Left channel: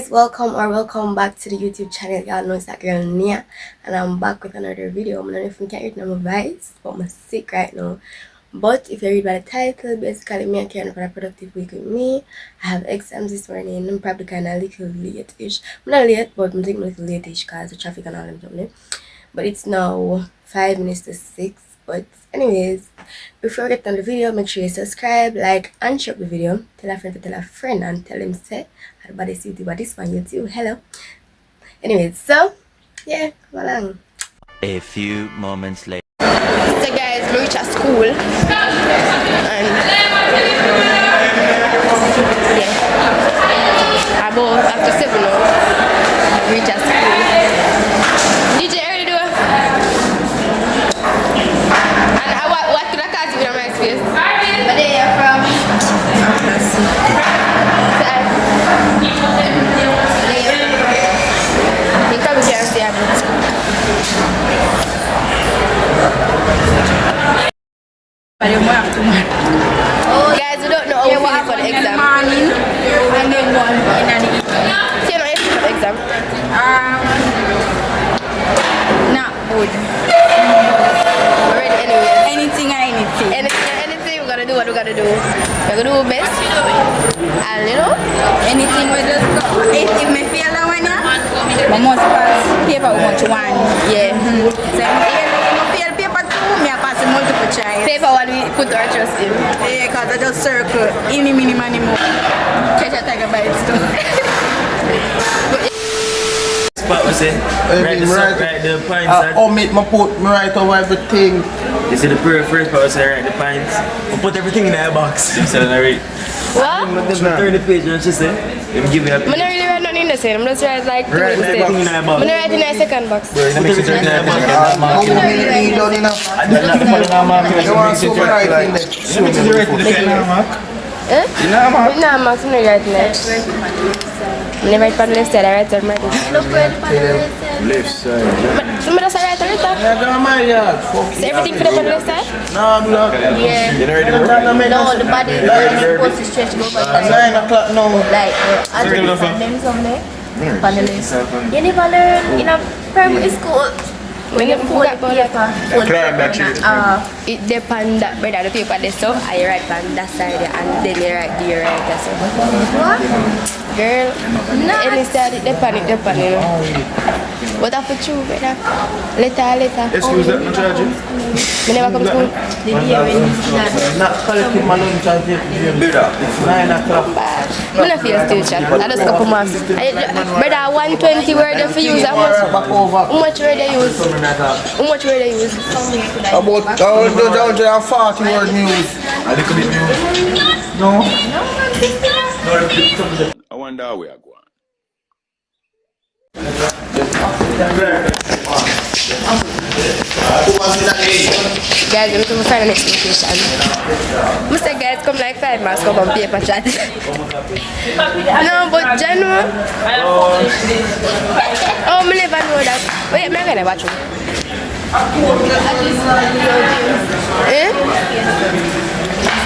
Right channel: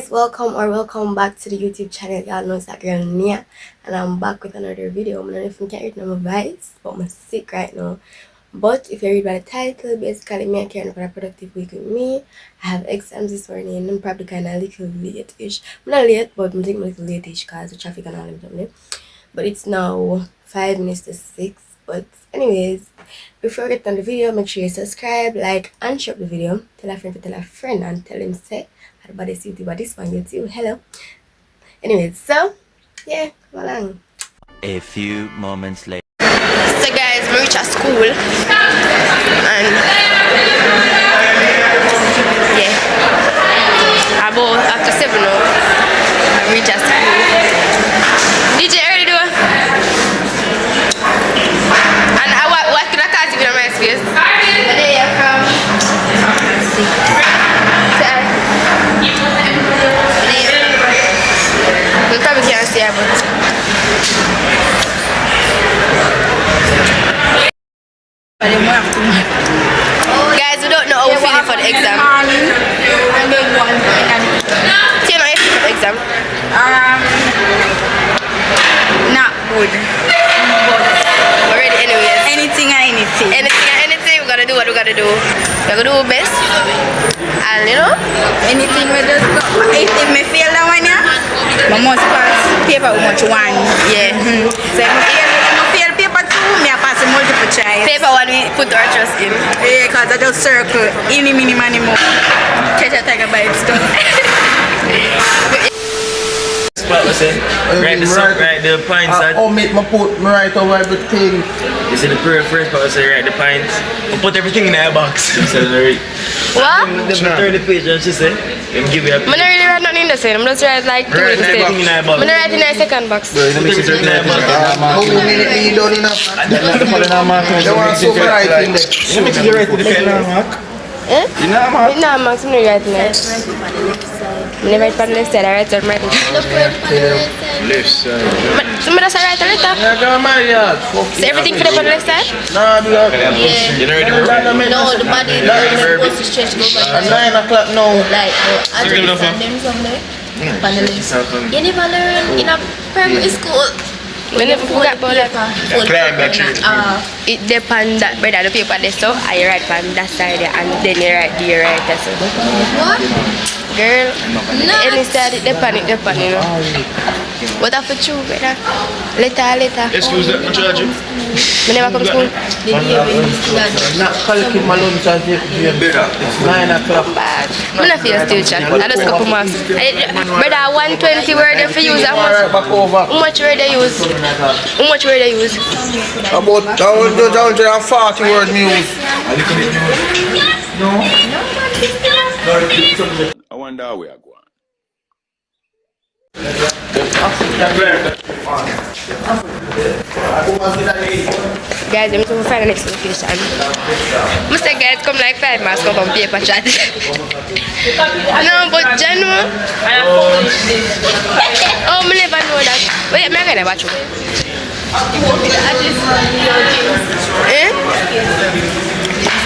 guys, welcome back to the YouTube channel. Y'all know it's that girl Nia, and I'm back with another video. I don't know if you can hear it in my voice, but I'm sick right now. But if you read by the title, basically me and Karen for a productive week with me. I have exams this morning. I'm probably kind of a little late-ish. I'm not late, but I'm taking a little late-ish because the traffic and all them something. But it's now 5 minutes to 6. But anyways, before we get on the video, make sure you subscribe, like, and share the video. Tell a friend and tell him say everybody see you, but this one YouTube. Hello. Anyways, so yeah, come along. A few moments later. So guys, we reach at school and yeah, about after 7 now, I reach at school. DJ early do? And what can I call you in my space? Where are you from? We probably can't see her, but guys, we don't know how we're feeling for the exam. I made one in the evening. So you know how you feel for the exam? Not good. We're ready anyways. Anything and anything. Anything, we gotta do what we gotta do. We're gonna do our best. And you know? Anything we just go. If me fail that one, yeah, I must pass paper with much one. Yeah. So if I fail paper 2, me I pass a multiple choice. Paper one we put our trust in. Yeah, because I just circle. Any, mini, money, more. Catch a tiger by its tongue. Right the pints. Make me put me right over everything. You see the first part say right the pints. I put everything in that box. Right. What? Turn the page and she said, give me a I'm not really write nothing in the same. I'm just write like two little steps. I'm not writing in the second box. Put everything in that box. How many you done enough? There was so right in there. Huh? No, Max, I'm not writing there. I'm not writing on the left side, I write on the right side. Left side. Somebody just write on the top. So everything for them on the left side? No, block. Yeah. You know the No, the body is supposed to stretch go back. 9 o'clock now. Like, I just stand them somewhere. Panelist. You never learn in a primary school. When you forgot about that. It depends that whether the paper there so I write on that side and then you write the right that side. What? Girl, any side it depends, you know. What have to choose better? Later. Excuse me, charging. I never come to school. Not collecting my lunch at the better. It's 9 o'clock. Bad. I'm not feel still chat. I just couple marks. Brother, 120 word if you use how much? How much word they use? How much word they use? About 140 word news. No. I wonder how we are going. Guys, I'm going to find the next location. Mr. Guys, come like 5 miles come from paper chat. No, but Janu. Oh, I never know that. Wait, I'm going to watch you. Eh?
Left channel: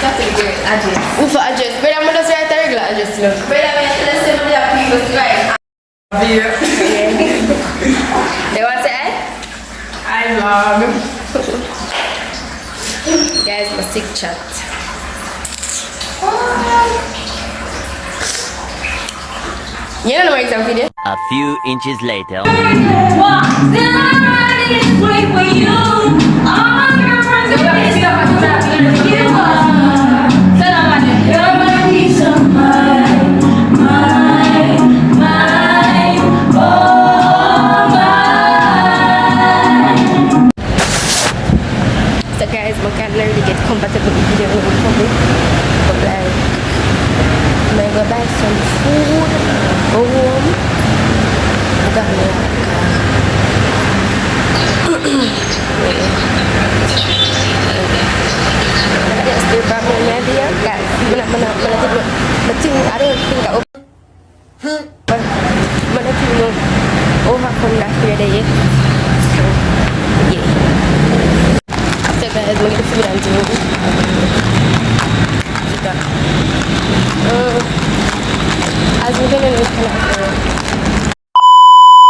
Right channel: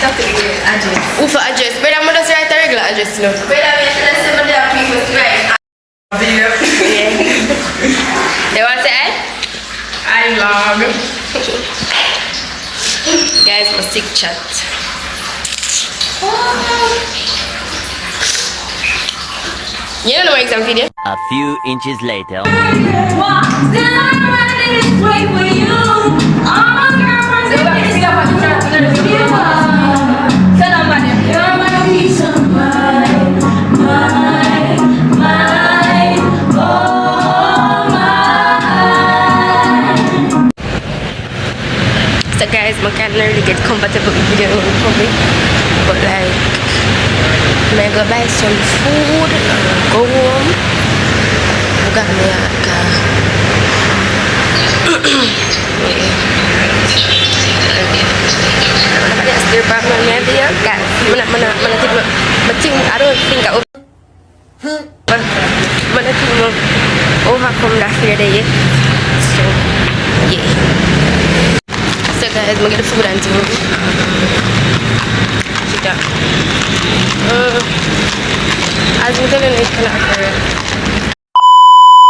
Who for address? But I'm going to write a regular address, look. But I'm going to send the people to write. Yeah. They want to add? I vlog. Guys, my sick chat. You don't know my exam video? A few inches later. So guys, I can't really get comfortable with video public, but like, I'm gonna go buy some food, go home, buka me car. Still problem maybe ya, kan? Mana I don't think I mana think overcome that fear day. So yeah. So guys, I'm gonna get the food and do. As we don't know, it's kind of occurred.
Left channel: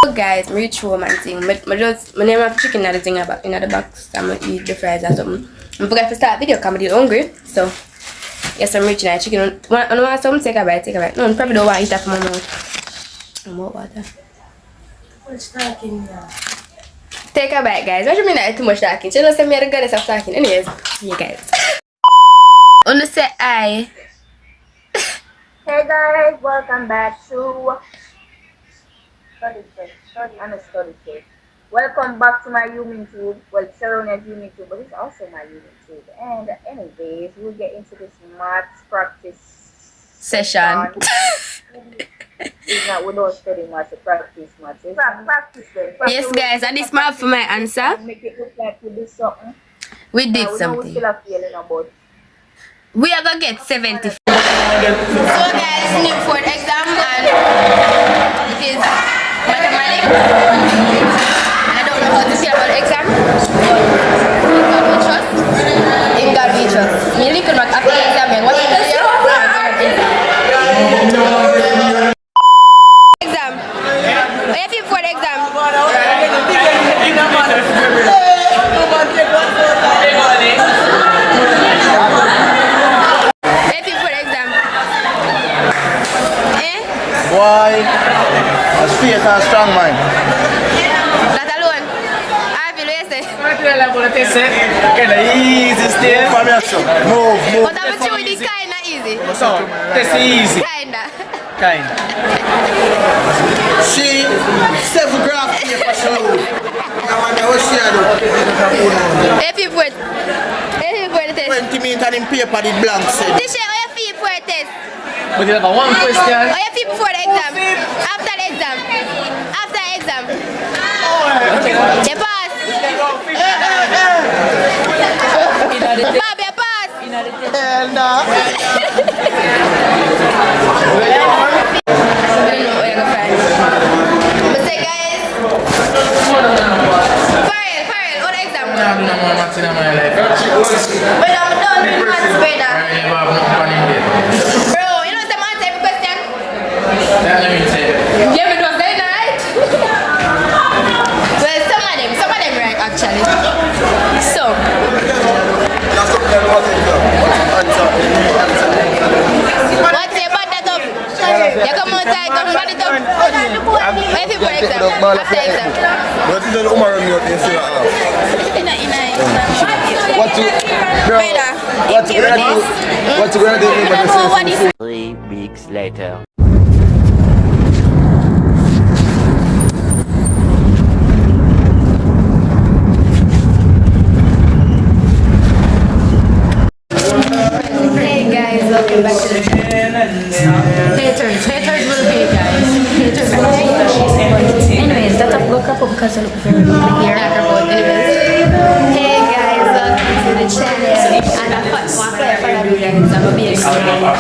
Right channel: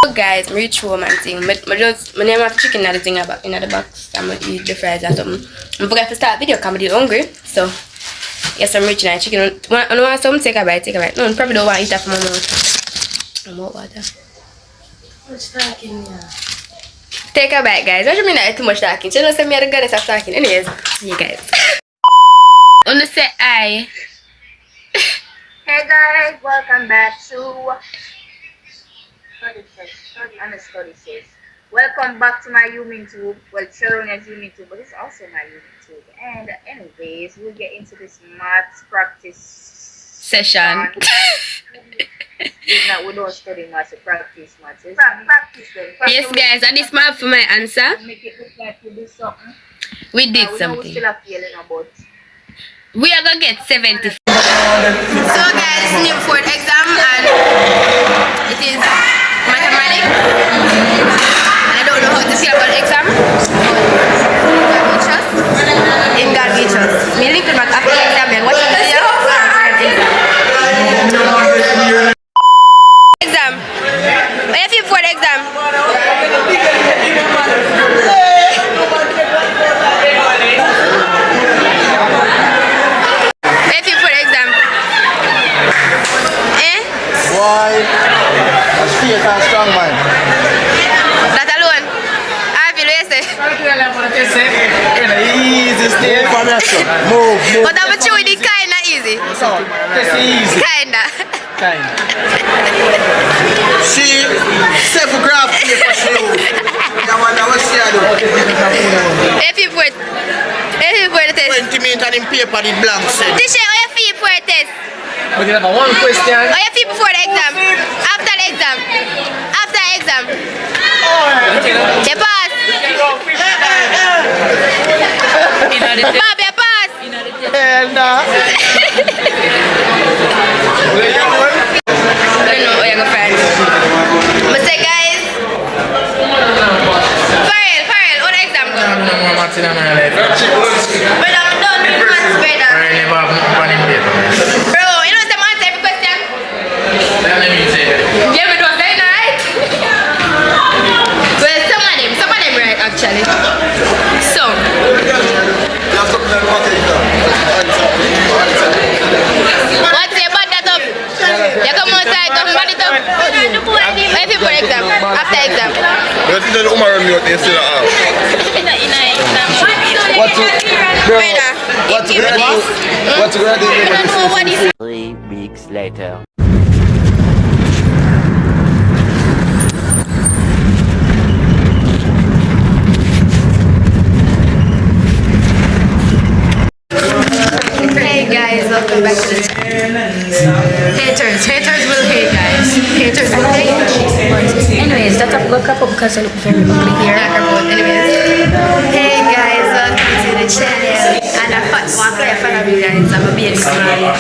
So guys, I'm reach home and thing. My name of chicken in the thing about in the box. I'm gonna eat the fries or something. I forgot to start video because I'm hungry. So yes, I'm reaching that chicken. I want some, take a bite, take a bite. No, I probably don't want to eat that from my mouth. I'm out water. What's talking here? Take a bite, guys. What do you mean that too much talking? You know, say me are the goddess of talking. Anyways, you guys. Wanna say hi. Hey guys, welcome back to Study Says. Welcome back to my YouTube. Well, Sharonia's YouTube, but it's also my YouTube. And anyways, we'll get into this maths practice Session. It's not, we don't study maths, we practice maths. Practice then. Yes, guys, and this map for my answer. Make it look like we did something. We did We something. still have feeling about. We are gonna get 70. So guys, it's new for the exam and it is mathematics. And I don't know how to feel about the exam, but in God we trust. Me link back after the exam and watch the video and we're gonna exam. Exam. What do you feel for the exam? Boy, a straight and strong man. That alone. I feel wasted. Easy step. Move. But I'm sure it is kinda easy. So, this is easy. Kinda. See, 7 graph paper shoes. If you put the test. 20 minutes in paper, the blank said. Teacher, how you feel for the test? We have one question. How you feel before the exam? After the exam? After the exam? You pass? Bob, you pass? And I don't know where you go friends. But say guys. Farrell, how the exam go? Bro, you know some answer every question? Yeah, but it was very right. Well, some of them right actually. So what's your bad that up? You come outside, come bad it up. Where if you put exam? After exam. What is the Umar on your still at What's the grade? 3 weeks later. Hey guys, welcome back to the channel. Haters will hate, guys. Haters will hate. Anyways, that's a look up because I look very ugly here. Anyways, hey guys, welcome to the channel. And I want to follow you guys. I'm a big fan.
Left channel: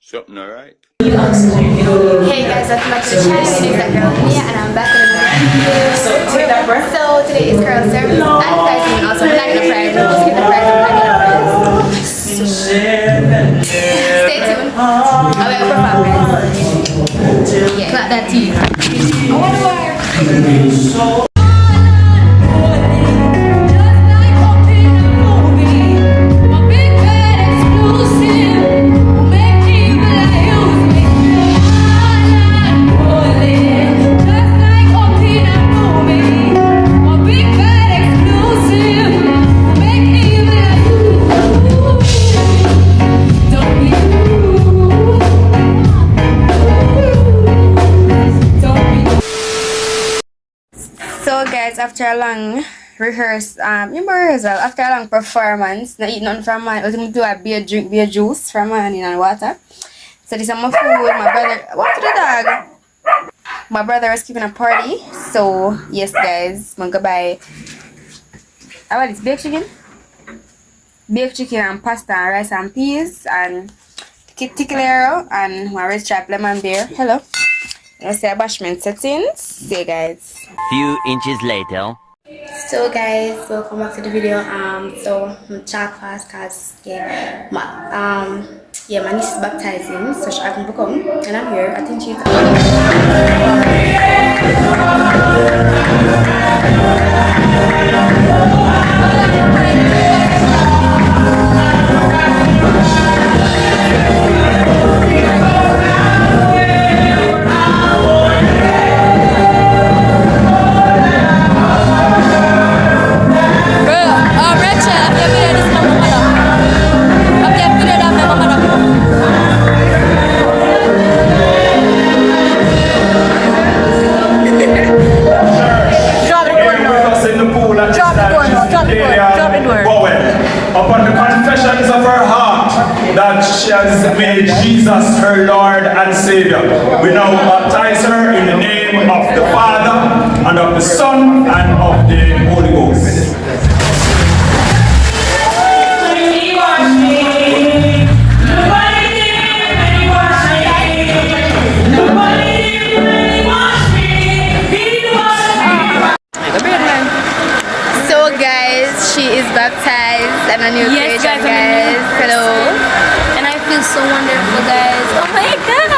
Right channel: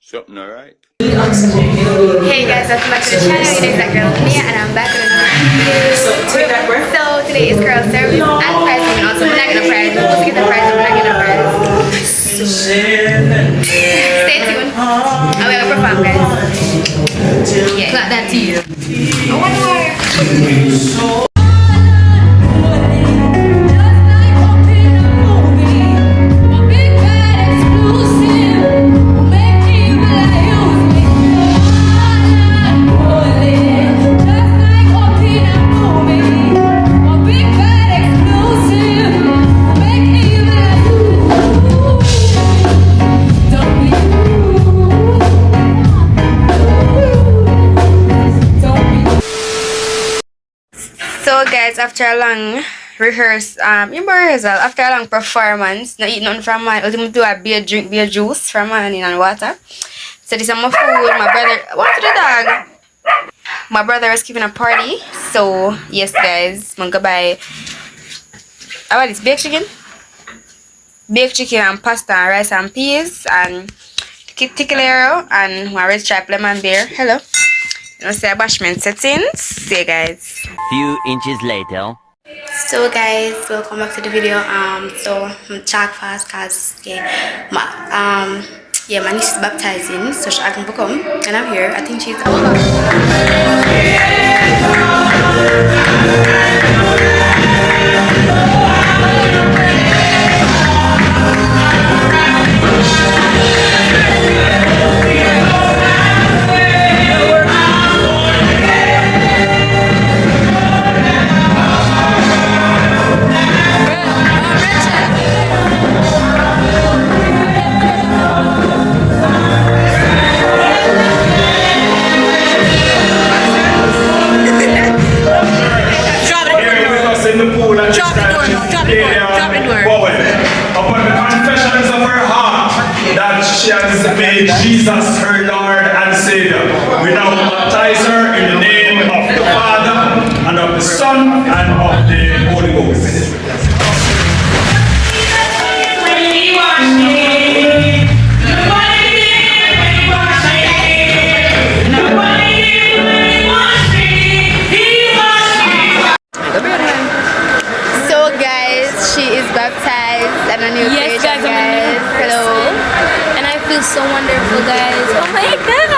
Something alright. Hey guys, welcome back to the channel. It is that girl Mia, and I'm back with another video. So today is girl service and prize women. Also, we're not gonna prize. We're supposed to get the prize, but we're not gonna prize. So stay tuned. And we're gonna perform, guys. Yeah, got that to you. I wonder why. So guys, after a long rehearsal, after a long performance, not eat nothing from man, ultimately do a beer juice from morning and water. So this is my food. My brother, what to the dog? My brother was giving a party. So yes guys, I'm gonna buy about this baked chicken and pasta and rice and peas and tickler and my red stripe lemon beer. Hello. You know, say bashment settings. See you guys. Few inches later. So guys, welcome back to the video. So I'm chat fast cause yeah, yeah, my niece is baptizing, so she asked me to come, and I'm here. I think she's. Upon the confessions of her heart that she has made Jesus her Lord and Savior, we now baptize her in the name of the Father and of the Son and of the Holy Ghost. So guys, she is baptized and a new Yes, creation, guys. Hello. And I feel so wonderful, guys. Oh my god.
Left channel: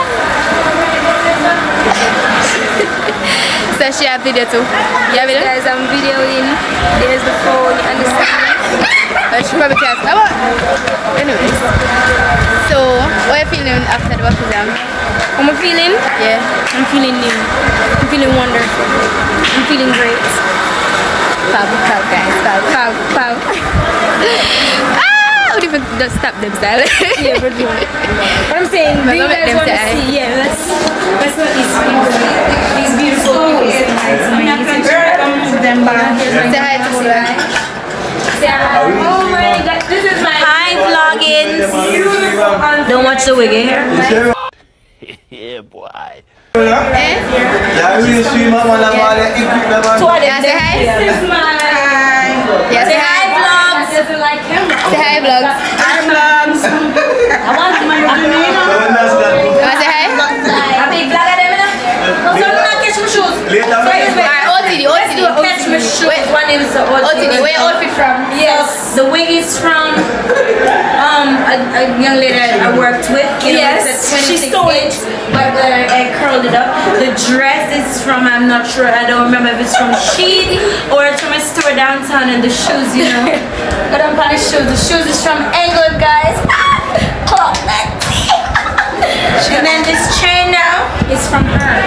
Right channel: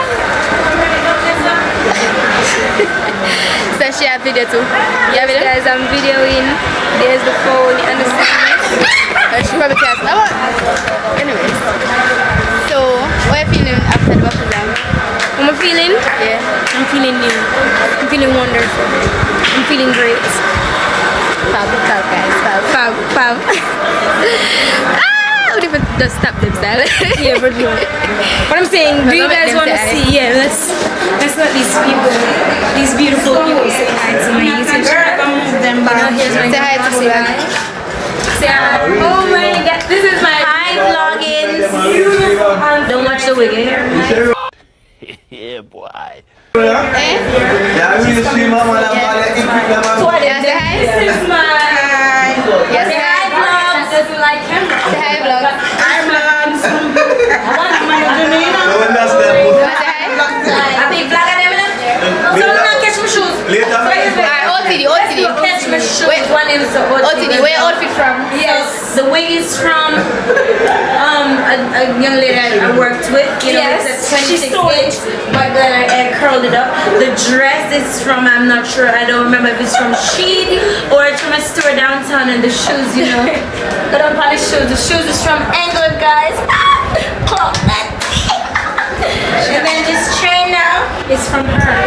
So she have video too. Yeah, guys, I'm videoing. There's the phone, you understand? But she probably can't. Anyways. So, what are you feeling after the baptism? How am I feeling? Yeah. I'm feeling new. I'm feeling wonderful. I'm feeling great. Fab, guys. Fab. Ah! What if it just stop them, style? Yeah, but do it. But I'm saying, do you guys want to see? Yeah, let's let these people, these beautiful people say hi to me. Them back. Say hi to me. Say hi. Oh my god, this is my hi vlogging. Don't watch the wig, eh? Yeah, boy. Yeah, we see mama la mala equip la mama. Say hi. This is my. Yeah, Say hi vlogs. Doesn't like camera. Say hi, vlogs. Hi vlogs. You want to say hi? I big vlog at them. So I'm not catch my shoes. Alright, OTD. Catch my shoes. One is the OTD, where outfit from? Yes, the wig is from a young lady I worked with. You know, it's a 26-inch, but then I curled it up. The dress is from, I'm not sure, I don't remember if it's from Shein or it's from a store downtown, and the shoes, you know. But I'm probably shoes. The shoes is from England, guys. Clock that. And then this chain now is from her.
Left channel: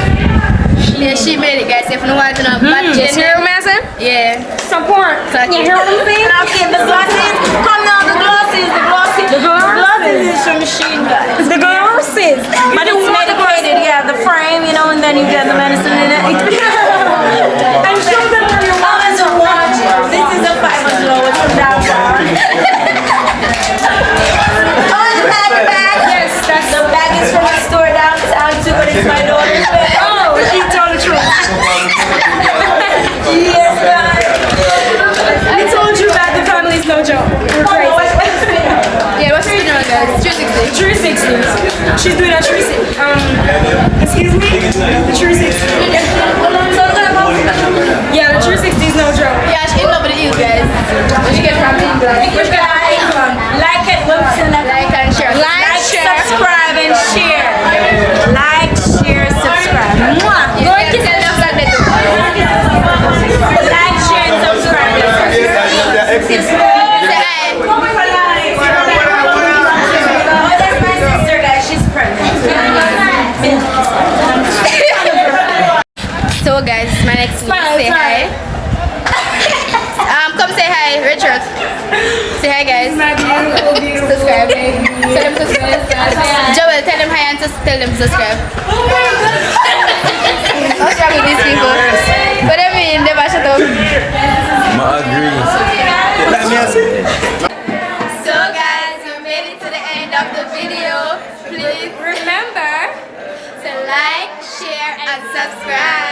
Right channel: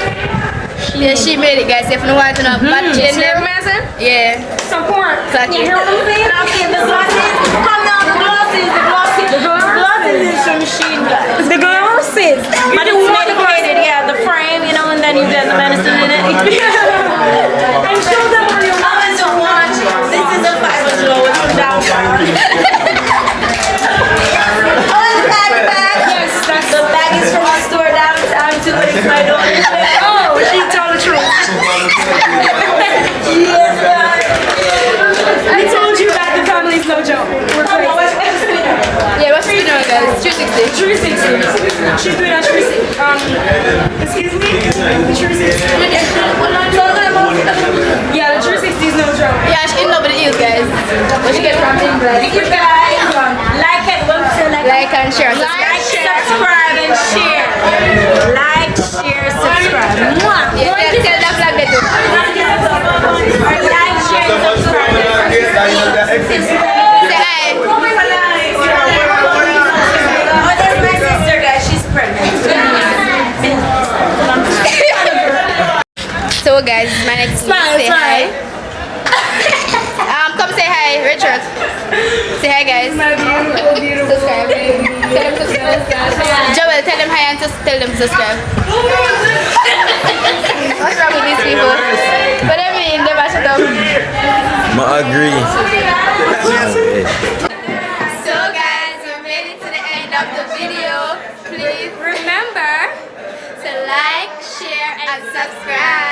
Yeah, she made it, guys. If you want to know, You hear me, man? yeah. Support. You hear what I'm saying? I'm saying the glasses. Come down, the glasses. Is from Shein, guys. The glasses. But it's medicated, yeah, the frame, you know, and then you get the medicine in it. And show them where you're going to watch. This is a $500 from downtown. Oh, the bag. Yes, that's the bag is from the store downtown too, but it's my daughter's bag. Oh, she told the truth. Yes, guys. I told you that the family is no joke. We're crazy. Yeah, what's she doing, guys? 360. 360. She's doing a 360. Excuse me? The 360. Yeah, the 360 is no joke. Yeah, she's in love with the heels, guys. She get from England. You guys, like it, Like and share. like, subscribe, and share. Like, share, subscribe. Mwah. You can tell them like that too. Like, share, and subscribe. Say hi. Oh, that's my sister, guys. She's pregnant. So guys, my next Smile, say sorry. hi. Come say hi, Richard. Say hi, guys. My beautiful, beautiful Subscribe. baby. Tell them subscribe. Joel, tell them hi and just tell them subscribe. What's wrong with these people? What do you mean? They mash it up. I agree. So guys, we made it to the end of the video. Please remember to like, share, and subscribe.